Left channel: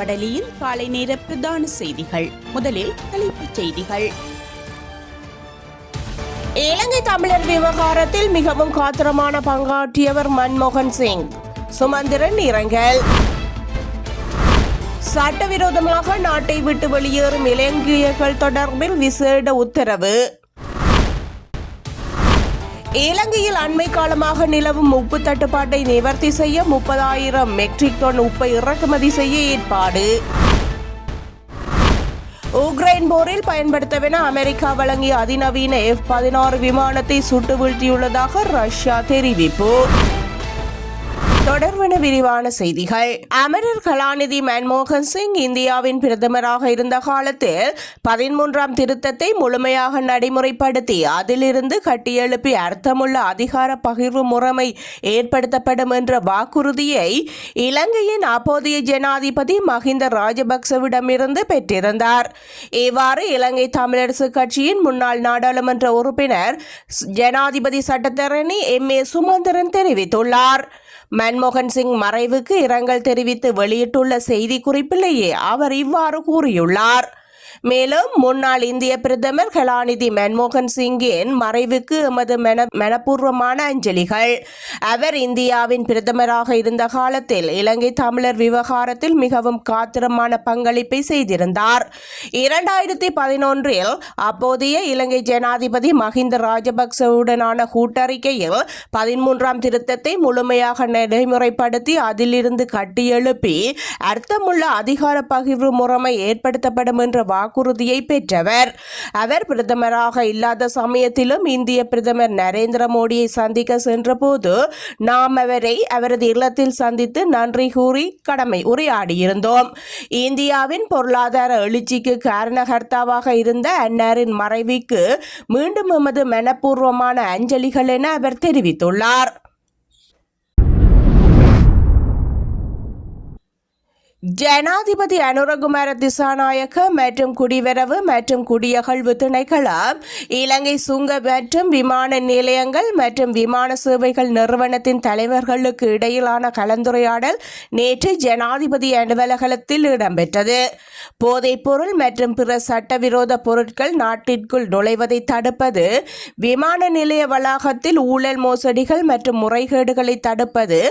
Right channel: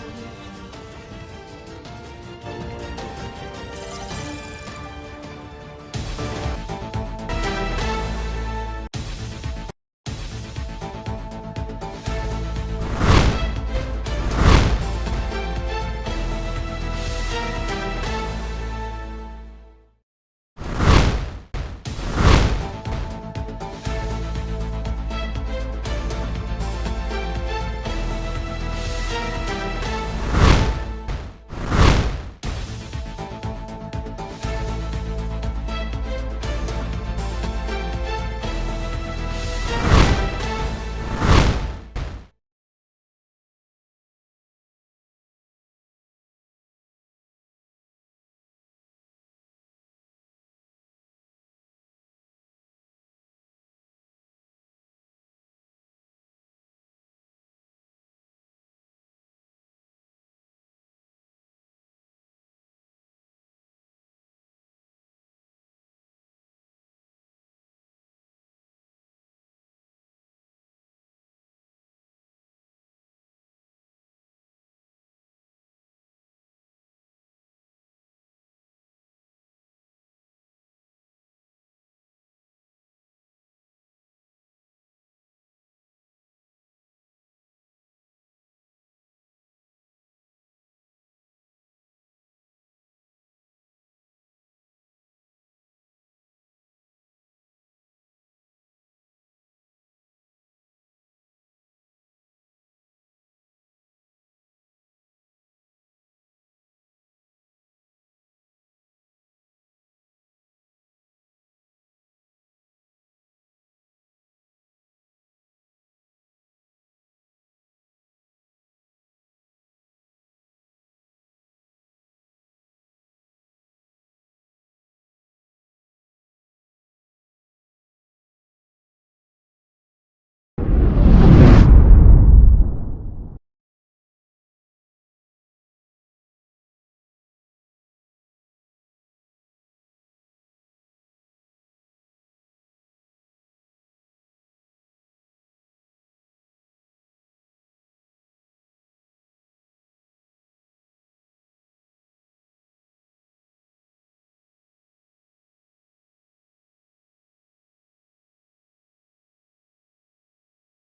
வடலியில் காலை நேர பிரதான செய்திகள். முதலில் தலைப்புச் செய்திகள். இலங்கை தமிழர் விவகாரத்தில் மிகவும் காத்திரமான பங்காற்றியவர் மன்மோகன் சிங். சுமந்திரன் இரங்கல். சட்டவிரோதமாக நாட்டை விட்டு வெளியேறும் இலங்கையர்கள் தொடர்பில் விசேட உத்தரவு. இலங்கையில் அண்மை காலமாக நிலவும் உப்பு தட்டுப்பாட்டை நிவர்த்தி செய்ய 30,000 மெட்ரிக் டன் உப்பை இறக்குமதி செய்ய ஏற்பாடு. உக்ரைன் போரில் பயன்படுத்தவென அமெரிக்கா வழங்கிய அதிநவீன F-16 விமானத்தை சுட்டு வீழ்த்தியுள்ளதாக ரஷ்யா தெரிவிப்பு. தொடர்பான விரிவான செய்திகள். அமரர் கலாநிதி மன்மோகன் சிங் இந்தியாவின் பிரதமராக இருந்த காலத்தில் 13ஆம் திருத்தத்தை முழுமையாக நடைமுறைப்படுத்தி அதிலிருந்து கட்டியெழுப்பி அர்த்தமுள்ள அதிகார பகிர்வு முறைமை ஏற்படுத்தப்படும் என்ற வாக்குறுதியை இலங்கையின் அப்போதைய ஜனாதிபதி மஹிந்த ராஜபக்சவிடமிருந்து பெற்றிருந்தார். இவ்வாறு இலங்கை தமிழரசு கட்சியின் முன்னாள் நாடாளுமன்ற உறுப்பினர் ஜனாதிபதி சட்டத்தரணி M.A. சுமந்திரன் தெரிவித்துள்ளார். மன்மோகன் சிங் மறைவுக்கு இரங்கல் தெரிவித்து வெளியிட்டுள்ள செய்தி குறிப்பிலேயே அவர் இவ்வாறு கூறியுள்ளார். மேலும் முன்னாள் இந்திய பிரதமர் கலாநிதி மன்மோகன் சிங்கின் மறைவுக்கு எமது மனப்பூர்வமான அஞ்சலிகள். அவர் இந்தியாவின் பிரதமராக இருந்த காலத்தில் இலங்கை தமிழர் விவகாரத்தில் மிகவும் காத்திரமான பங்களிப்பை செய்திருந்தார். 2011இல் அப்போதைய இலங்கை ஜனாதிபதி மஹிந்த ராஜபக்சவுடனான கூட்டறிக்கையில் 13ஆம் திருத்தத்தை முழுமையாக நடைமுறைப்படுத்தி அதிலிருந்து கட்டியெழுப்பி அர்த்தமுள்ள அதிகார பகிர்வு முறைமை ஏற்படுத்தப்படும் என்ற வாக்குறுதியை பெற்றவர். அவர் பிரதமராக இல்லாத சமயத்திலும் இந்திய பிரதமர் நரேந்திர மோடியை சந்திக்க சென்றபோது நாம் அவரை அவரது இல்லத்தில் சந்தித்து நன்றி கூறி உரையாடியிருந்தோம். இந்தியாவின் பொருளாதார எழுச்சிக்கு காரணகர்த்தாவாக இருந்த அன்னாரின் மறைவுக்கு மீண்டும் எமது மனப்பூர்வமான அஞ்சலிகள் என அவர் தெரிவித்துள்ளார். ஜனாதிபதி அனுரகுமார திசாநாயக்க மற்றும் குடிவரவு மற்றும் குடியகழ்வு திணைக்களம் இலங்கை சுங்க மற்றும் விமான நிலையங்கள் மற்றும் விமான சேவைகள் நிறுவனத்தின் தலைவர்களுக்கு இடையிலான கலந்துரையாடல் நேற்று ஜனாதிபதி அலுவலகத்தில் இடம்பெற்றது. போதைப்பொருள் மற்றும் பிற சட்டவிரோத பொருட்கள் நாட்டிற்குள் நுழைவதை தடுப்பது, விமான நிலைய வளாகத்தில் ஊழல் மோசடிகள் மற்றும் முறைகேடுகளை தடுப்பது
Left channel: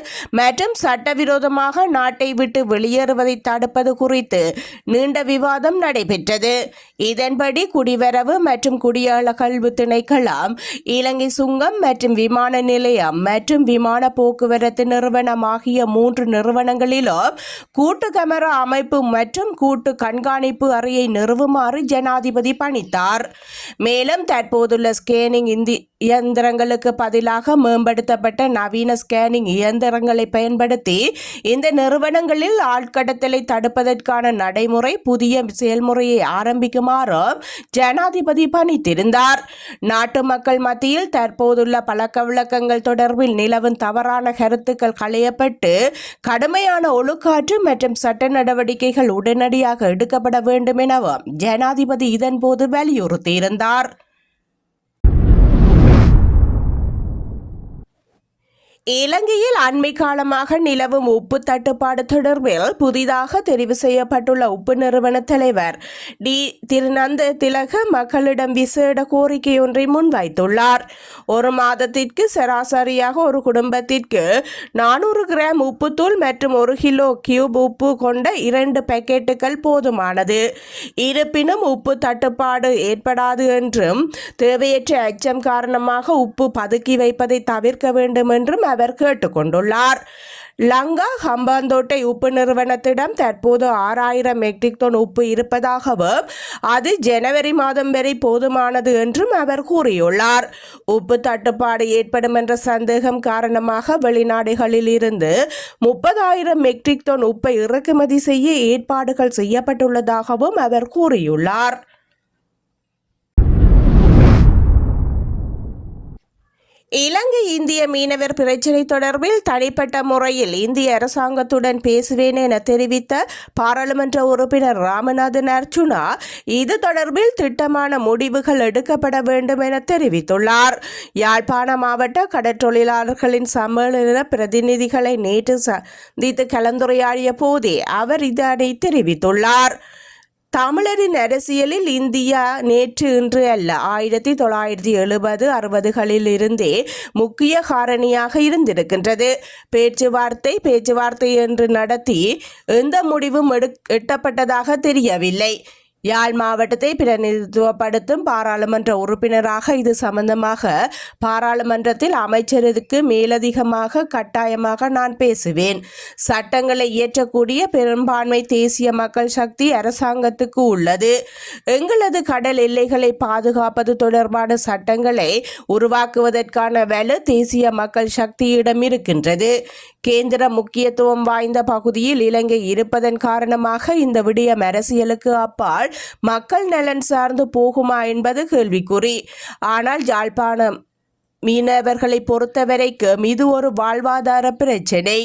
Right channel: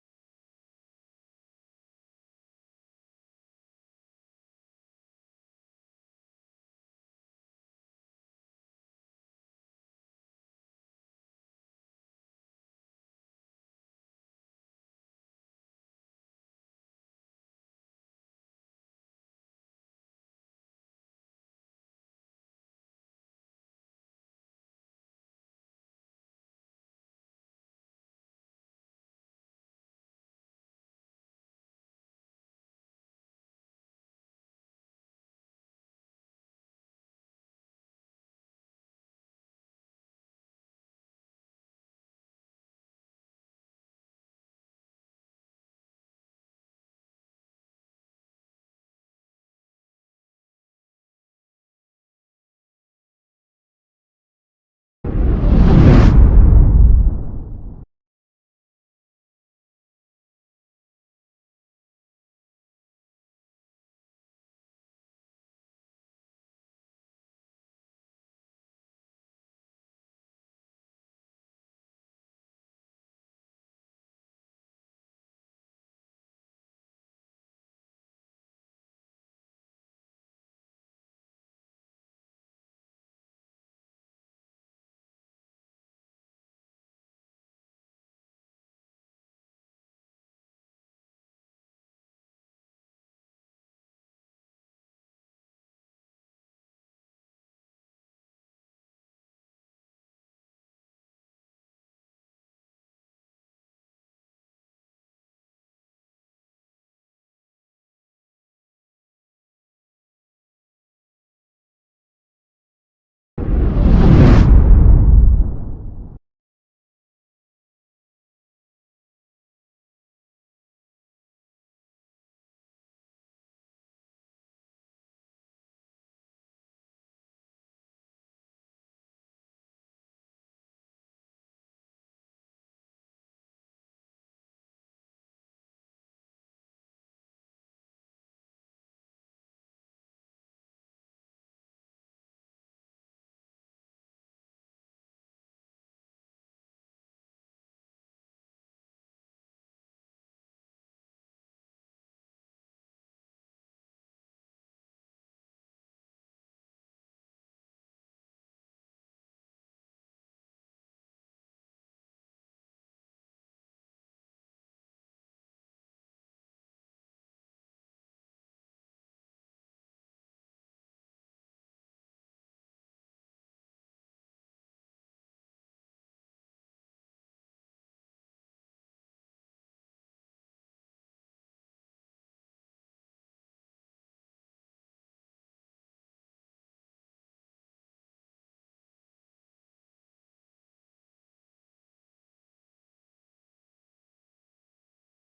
மற்றும் சட்டவிரோதமாக நாட்டை விட்டு வெளியேறுவதை தடுப்பது குறித்து நீண்ட விவாதம் நடைபெற்றது. இதன்படி குடிவரவு மற்றும் குடியகழ்வு திணைக்களம் இலங்கை சுங்கம் மற்றும் விமான நிலையம் மற்றும் விமான போக்குவரத்து நிறுவனம் ஆகிய 3 நிறுவனங்களிலும் கூட்டு கேமரா அமைப்பு மற்றும் கூட்டு கண்காணிப்பு அறையை நிறுவுமாறு ஜனாதிபதி பணித்தார். மேலும் தற்போதுள்ள ஸ்கேனிங் இயந்திரங்களுக்கு பதிலாக மேம்படுத்தப்பட்ட நவீன ஸ்கேனிங் இயந்திரங்களை பயன்படுத்தி இந்த நிறுவனங்களில் ஆட்கடத்தலை தடுப்பதற்கான நடைமுறை புதிய செயல்முறையை ஆரம்பிக்குமாறு ஜனாதிபதி பணித்திருந்தார். நாட்டு மக்கள் மத்தியில் தற்போதுள்ள பழக்க வழக்கங்கள் தொடர்பில் நிலவும் தவறான கருத்துக்கள் களையப்பட்டு கடுமையான ஒழுக்காற்று மற்றும் சட்ட நடவடிக்கைகள் உடனடியாக எடுக்கப்பட வேண்டும் எனவும் ஜனாதிபதி இதன்போது வலியுறுத்தியிருந்தார். இலங்கையில் அண்மை காலமாக நிலவும் உப்பு தட்டுப்பாடு தொடர்பில் புதிதாக தெரிவு செய்யப்பட்டுள்ள உப்பு நிறுவன தலைவர் திருநந்த திலக மக்களிடம் விசேட கோரிக்கை ஒன்றை முன்வைத்துள்ளார். ஒரு மாதத்திற்கு சராசரியாக ஒரு குடும்பத்திற்கு 400 கிராம் உப்புத்தூள் மற்றும் 1 கிலோ கியூப் உப்பு கொண்ட 2 பாக்கெட்டுகள் போதுமானது. இருப்பினும் உப்பு தட்டுப்பாடு ஏற்படாது என்றும் தேவையற்ற அச்சம் காரணமாக உப்பு பதுக்கி வைப்பதை தவிர்க்க வேண்டும் என்றும் அவர் கேட்டுக்கொண்டுள்ளார். லங்கா ஹம்பாந்தோட்டை உப்பு நிறுவனத்திடம் தற்போது 6,000 மெட்ரிக் டன் உப்பு இருப்பதாகவும் அது ஜனவரி மாதம் வரை போதுமானது என்றும் அவர் கூறியுள்ளார். உப்பு தட்டுப்பாடு ஏற்படும் என்ற சந்தேகம் காரணமாக வெளிநாடுகளில் இருந்து 30,000 மெட்ரிக் டன் உப்பை இறக்குமதி செய்ய ஏற்பாடுகள் செய்யப்பட்டுள்ளதாகவும் அவர் கூறியுள்ளார். இலங்கை இலங்கை இந்திய மீனவர் பிரச்சினை தொடர்பில் தனிப்பட்ட முறையில் இந்திய அரசாங்கத்துடன் பேசுவேன் என தெரிவித்த பாராளுமன்ற உறுப்பினர் ராமநாதன் அர்ச்சுனா இது தொடர்பில் திட்டமான முடிவுகள் எடுக்கப்பட வேண்டும் என தெரிவித்துள்ளார். யாழ்ப்பாண மாவட்ட கடற்றொழிலாளர்களின் சம்மேளன பிரதிநிதிகளை நேற்று சந்தித்து கலந்துரையாடிய போதே அவர் இதனை தெரிவித்துள்ளார். தமிழரின் அரசியலில் இந்தியா நேற்று இன்று அல்ல 1970-60களில் இருந்தே முக்கிய காரணியாக இருந்திருக்கின்றது. பேச்சுவார்த்தை என்று நடத்தி எந்த முடிவும் எட்டப்பட்டதாக தெரியவில்லை. யாழ் மாவட்டத்தை பிரதிநிதித்துவப்படுத்தும் பாராளுமன்ற உறுப்பினராக இது சம்பந்தமாக பாராளுமன்றத்தில் அமைச்சருக்கு மேலதிகமாக கட்டாயமாக நான் பேசுவேன். சட்டங்களை இயற்றக்கூடிய பெரும்பான்மை தேசிய மக்கள் சக்தி அரசாங்கத்துக்கு உள்ளது. எங்களது கடல் எல்லைகளை பாதுகாப்பது தொடர்பான சட்டங்களை உருவாக்குவதற்கான வலு தேசிய மக்கள் சக்தியிடம் இருக்கின்றது. கேந்திர முக்கியத்துவம் வாய்ந்த பகுதியில் இலங்கை இருப்பதன் காரணமாக இந்த விடயம் அரசியலுக்கு அப்பால் மக்கள் நலன் சார்ந்து போகுமா என்பது கேள்விக்குறி. ஆனால் யாழ்ப்பாணம் மீனவர்களை பொறுத்தவரைக்கும் இது ஒரு வாழ்வாதார பிரச்சினை.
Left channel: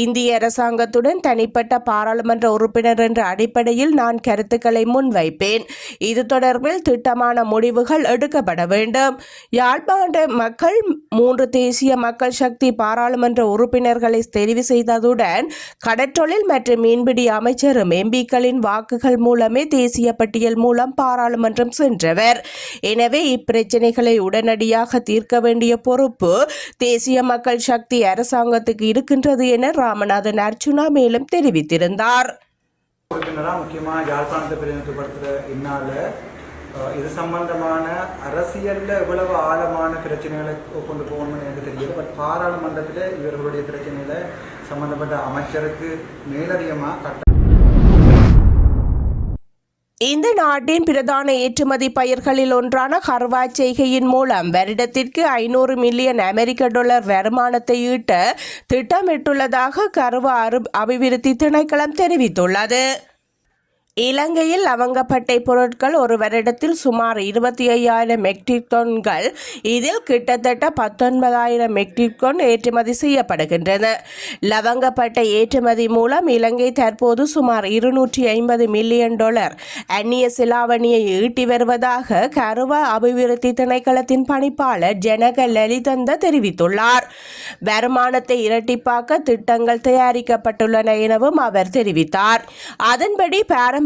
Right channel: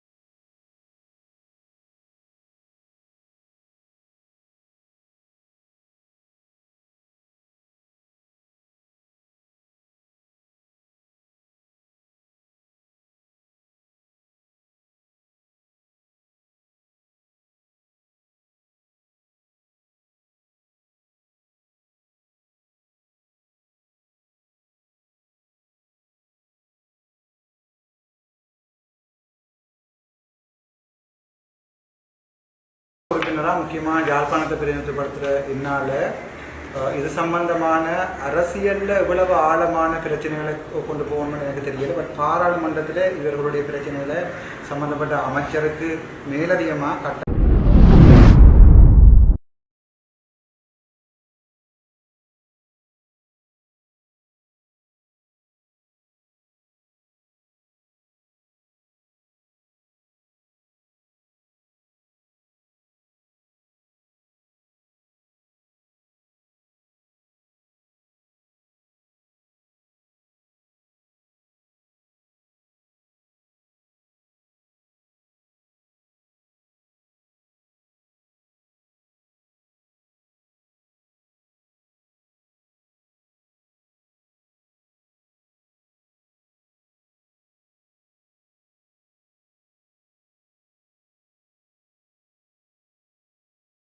இந்திய அரசாங்கத்துடன் தனிப்பட்ட பாராளுமன்ற உறுப்பினர் என்ற அடிப்படையில் நான் கருத்துக்களை முன்வைப்பேன். இது தொடர்பில் திட்டமான முடிவுகள் எடுக்கப்பட வேண்டும். யாழ்ப்பாண மக்கள் 3 தேசிய மக்கள் சக்தி பாராளுமன்ற உறுப்பினர்களை தெரிவு செய்ததுடன் கடற்றொழில் மற்றும் மீன்பிடி அமைச்சரும் எம்பிக்களின் வாக்குகள் மூலமே தேசிய பட்டியல் மூலம் பாராளுமன்றம் சென்றவர். எனவே இப்பிரச்சினைகளை உடனடியாக தீர்க்க வேண்டிய பொறுப்பு தேசிய மக்கள் சக்தி அரசாங்கத்துக்கு இருக்கின்றது என ராமநாதன் அர்ச்சுனா மேலும் தெரிவித்திருந்தார். முக்கியமாக யாழ்ப்பாணத்தை பிரதிநிதித்துவப்படுத்துகிற இன்னால இது சம்பந்தமான அரசியல்ல இவ்வளவு ஆழமான பிரச்சனைகளை கொண்டு போகணும்னு எனக்கு தெரியல. பட் பாராளுமன்றத்தில் இவர்களுடைய பிரச்சனைகளை சம்பந்தப்பட்ட அமைச்சருக்கு மேலதிகமாக இந்த நாட்டின் பிரதான ஏற்றுமதி பயிர்களில் ஒன்றான கர்வா செய்கையின் மூலம் வருடத்திற்கு 500 மில்லியன் அமெரிக்க டாலர் வருமானத்தை ஈட்ட திட்டமிட்டுள்ளதாக கர்வா அபிவிருத்தி திணைக்களம் தெரிவித்துள்ளது. இலங்கையில் லவங்கப்பட்டை பொருட்கள் ஒரு வருடத்தில் சுமார் 25,000 மெட்ரிக் டன்கள், இதில் கிட்டத்தட்ட 19,000 மெட்ரிக் டன் ஏற்றுமதி செய்யப்படுகின்றன. லவங்கப்பட்டை ஏற்றுமதி மூலம் இலங்கை தற்போது சுமார் 250 மில்லியன் டாலர் அந்நிய செலாவணியை ஈட்டி வருவதாக கருவா அபிவிருத்தி திணைக்களத்தின் பணிப்பாளர் ஜனக லலிதந்த தெரிவித்துள்ளார். வருமானத்தை இரட்டிப்பாக்க திட்டங்கள் தயாரிக்கப்பட்டுள்ளன எனவும் அவர் தெரிவித்தார். அதன்படி பாரம்பரியமாக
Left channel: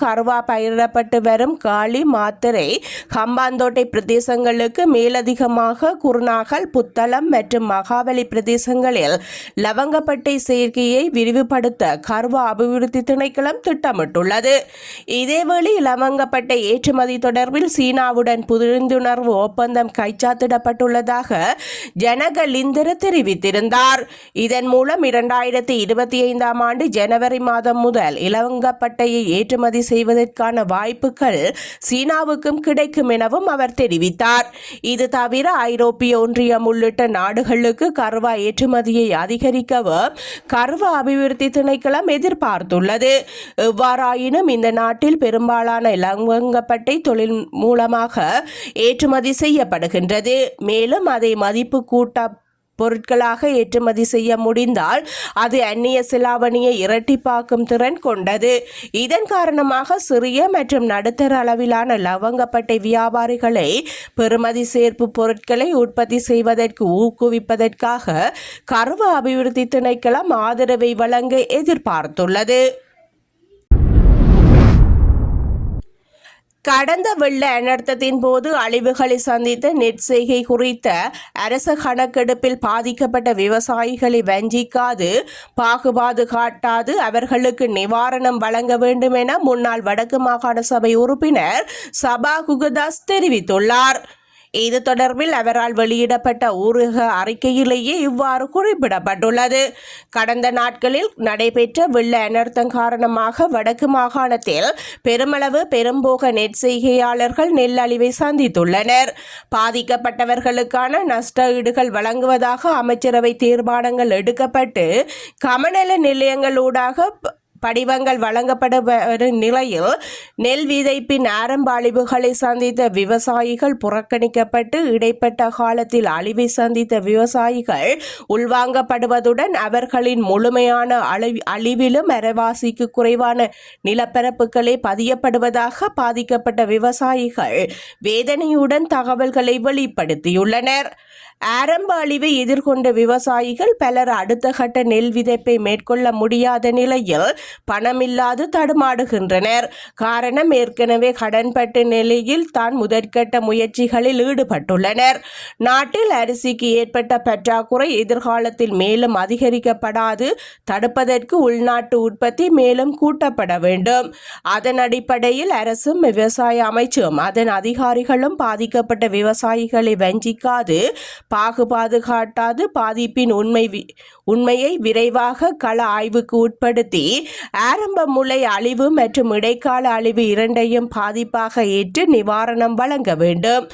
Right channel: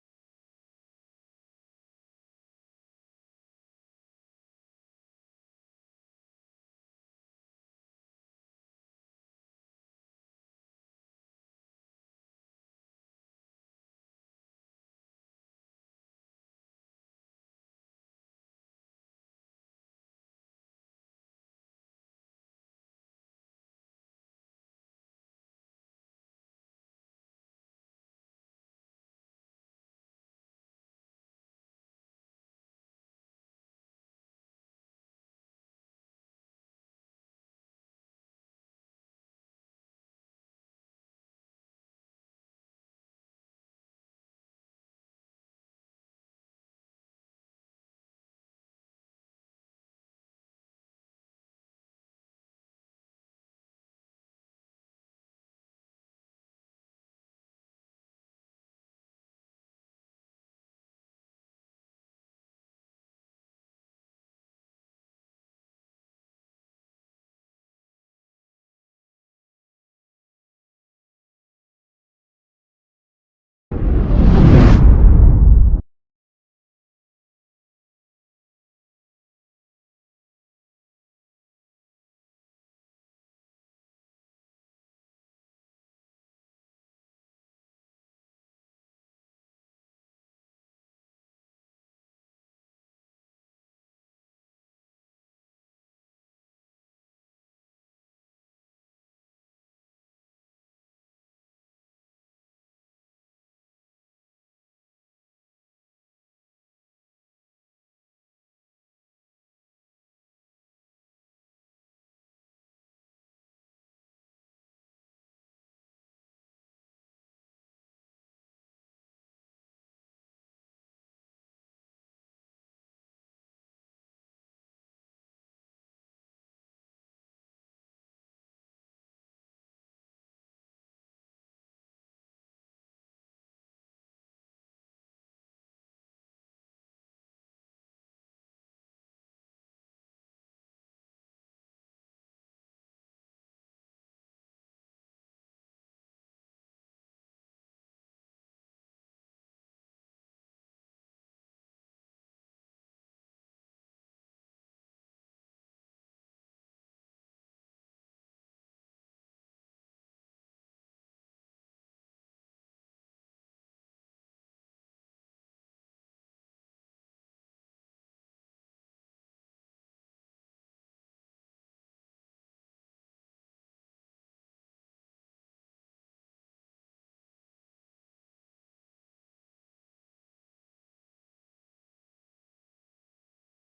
கர்வா பயிரிடப்பட்டு வரும் காளி, மாத்தரை, ஹம்பாந்தோட்டை பிரதேசங்களுக்கு மேலதிகமாக குருநாகல், புத்தளம் மற்றும் மகாவலி பிரதேசங்களில் லவங்கப்பட்டை சேர்க்கையை விரிவுபடுத்த கர்வா அபிவிருத்தி திணைக்களம் திட்டமிட்டுள்ளது. இதேவேளை லவங்கப்பட்டை ஏற்றுமதி தொடர்பில் சீனாவுடன் புரிந்துணர்வு ஒப்பந்தம் கைச்சாத்திடப்பட்டுள்ளதாக ஜனக லிந்தர தெரிவித்திருந்தார். இதன் மூலம் 2025ஆம் ஆண்டு ஜனவரி மாதம் முதல் இலவங்கப்பட்டையை ஏற்றுமதி செய்வதற்கான வாய்ப்புகள் சீனாவுக்கும் கிடைக்கும் எனவும் அவர் தெரிவித்தார். இது தவிர ஐரோப்பிய ஒன்றியம் உள்ளிட்ட நாடுகளுக்கு கர்வா ஏற்றுமதியை அதிகரிக்கவும் கர்வா அபிவிருத்தி திணைக்களம் எதிர்பார்த்துள்ளது. எவ்வாறாயினும் இந்த நாட்டில் பெரும்பாலான இலவங்கப்பட்டை தொழில் மூலமாக ஏற்றுமதி செய்யப்படுகின்றது. மேலும் அதை மதிப்பு கூட்ட பொருட்களாக ஏற்றுமதி செய்ய முடிந்தால் அது அந்நிய செலாவணியை இரட்டிப்பாக்கும் திறன் கொண்டது. இதன் காரணமாக சிறிய மற்றும் நடுத்தர அளவிலான லவங்கப்பட்டை வியாபாரிகளை பெறுமதி சேர்ப்பு பொருட்களை உற்பத்தி செய்வதற்கு ஊக்குவிப்பதற்காக கர்வா அபிவிருத்தி திணைக்களம் ஆதரவை வழங்க எதிர்பார்த்துள்ளது. கடந்த வெள்ள அனர்த்தத்தின் போது அழிவுகளை சந்தித்த நெற்செய்கை குறித்த அரச கணக்கெடுப்பில் பாதிக்கப்பட்ட விவசாயிகளை வஞ்சிக்காது, பாகுபாடு காட்டாது அவர்களுக்கு நிவாரணம் வழங்க வேண்டும் என முன்னாள் வடக்கு மாகாண சபை உறுப்பினர் சபா குகதாஸ் தெரிவித்துள்ளார். இது தொடர்பில் அவரால் வெளியிடப்பட்ட ஊடக அறிக்கையிலேயே இவ்வாறு குறிப்பிடப்பட்டுள்ளது. கடந்த நாட்களில் நடைபெற்ற வெள்ள அனர்த்தம் காரணமாக வடக்கு மாகாணத்தில் பெருமளவு பெரும்போக நெற்செய்கையாளர்கள் நெல் அழிவை சந்தித்துள்ளனர். பாதிக்கப்பட்டவர்களுக்கான நஷ்ட ஈடுகள் வழங்குவதாக அமைச்சரவை தீர்மானங்கள் எடுக்கப்பட்டு கமநல நிலையங்களூடாக படிவங்கள் வழங்கப்பட வரும் நிலையில் நெல் விதைப்பின் ஆரம்ப அழிவுகளை சந்தித்த விவசாயிகள் புறக்கணிக்கப்பட்டு இடைப்பட்ட காலத்தில் அழிவை சந்தித்த விவசாயிகள் உள்வாங்கப்படுவதுடன் அவர்களின் முழுமையான அழிவிலும் அரைவாசிக்கு குறைவான நிலப்பரப்புகளே பதியப்படுவதாக பாதிக்கப்பட்ட விவசாயிகள் வேதனையுடன் தகவல்களை வெளிப்படுத்தியுள்ளனர். ஆரம்ப அழிவை எதிர்கொண்ட விவசாயிகள் பலர் அடுத்த கட்ட நெல் விதைப்பை மேற்கொள்ள முடியாத நிலையில் பணமில்லாது தடுமாடுகின்றனர். காரணம், ஏற்கனவே கடன்பட்ட நிலையில் தான் முதற்கட்ட முயற்சிகளில் ஈடுபட்டுள்ளனர். நாட்டில் அரிசிக்கு ஏற்பட்ட பற்றாக்குறை எதிர்காலத்தில் மேலும் அதிகரிக்கப்படாது தடுப்பதற்கு உள்நாட்டு உற்பத்தி மேலும் கூட்டப்பட வேண்டும். அதன் அடிப்படையில் அரசும் விவசாய அமைச்சும் அதன் அதிகாரிகளும் பாதிக்கப்பட்ட விவசாயிகளை வஞ்சிக்காது பாகுபாடு காட்டாது பாதிப்பின் உண்மையை விரைவாக கள ஆய்வுக்கு உட்படுத்தி ஆரம்ப முளை அழிவு மற்றும் இடைக்கால அழிவு இரண்டையும் பாதிப்பாக ஏற்று நிவாரணம் வழங்க வேண்டும்.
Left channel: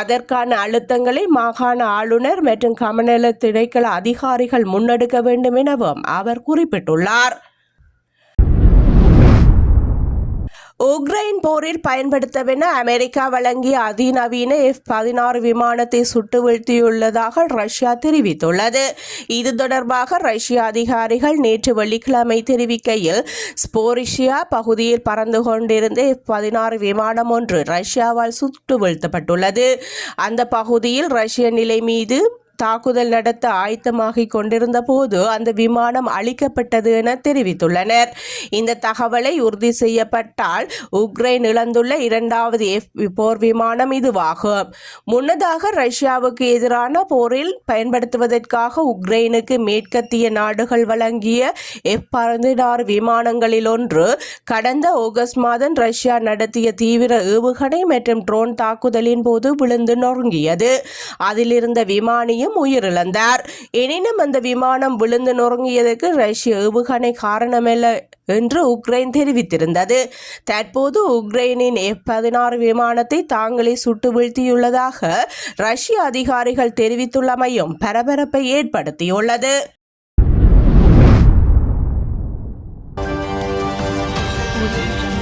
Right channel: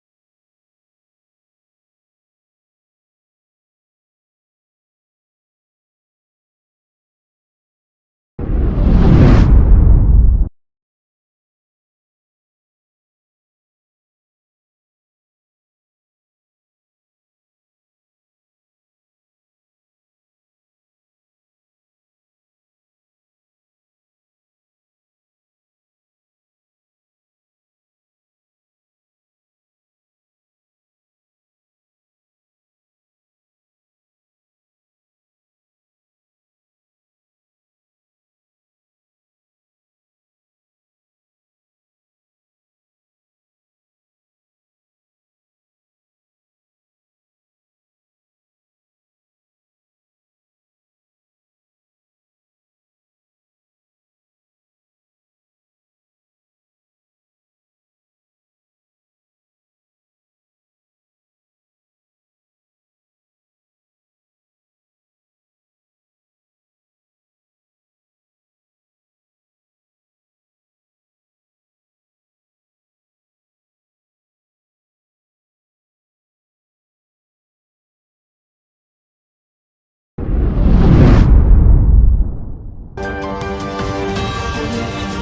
அதற்கான அழுத்தங்களை மாகாண ஆளுநர் மற்றும் கமநல திணைக்கள அதிகாரிகள் முன்னெடுக்க வேண்டும் எனவும் அவர் குறிப்பிட்டுள்ளார். உக்ரைன் போரில் பயன்படுத்தவென அமெரிக்கா வழங்கிய அதிநவீன F-16 விமானத்தை சுட்டு வீழ்த்தியுள்ளதாக ரஷ்யா தெரிவித்துள்ளது. இது தொடர்பாக ரஷ்ய அதிகாரிகள் நேற்று வெள்ளிக்கிழமை தெரிவிக்கையில், ஸ்போரிஷியா பகுதியில் பறந்து கொண்டிருந்த F-16 விமானம் ஒன்று ரஷ்யாவால் சுட்டு வீழ்த்தப்பட்டுள்ளது. அந்த பகுதியில் ரஷ்ய நிலை மீது தாக்குதல் நடத்த ஆயத்தமாகிக் கொண்டிருந்த போது அந்த விமானம் அழிக்கப்பட்டது என தெரிவித்துள்ளனர். இந்த தகவலை உறுதி செய்யப்பட்டால் உக்ரைன் இழந்துள்ள இரண்டாவது போர் விமானம் இதுவாகும். முன்னதாக ரஷ்யாவுக்கு எதிரான போரில் பயன்படுத்துவதற்காக உக்ரைனுக்கு மேற்கத்திய நாடுகள் வழங்கிய F-16 விமானங்களில் ஒன்று கடந்த ஆகஸ்ட் மாதம் ரஷ்யா நடத்திய தீவிர ஏவுகணை மற்றும் ட்ரோன் தாக்குதலின் போது விழுந்து நொறுங்கியது. அதில் இருந்த விமானியும் உயிரிழந்தார். எனினும் அந்த விமானம் விழுந்து நொறுங்கியதற்கு ரஷ்ய ஏவுகணை காரணமல்ல என்று உக்ரைன் தெரிவித்திருந்தது. தற்போது உக்ரைனின் F-16 விமானத்தை தாங்களே சுட்டு வீழ்த்தியுள்ளதாக ரஷ்ய அதிகாரிகள் தெரிவித்துள்ளமையும் பரபரப்பை ஏற்படுத்தியுள்ளது. Audio Jungle.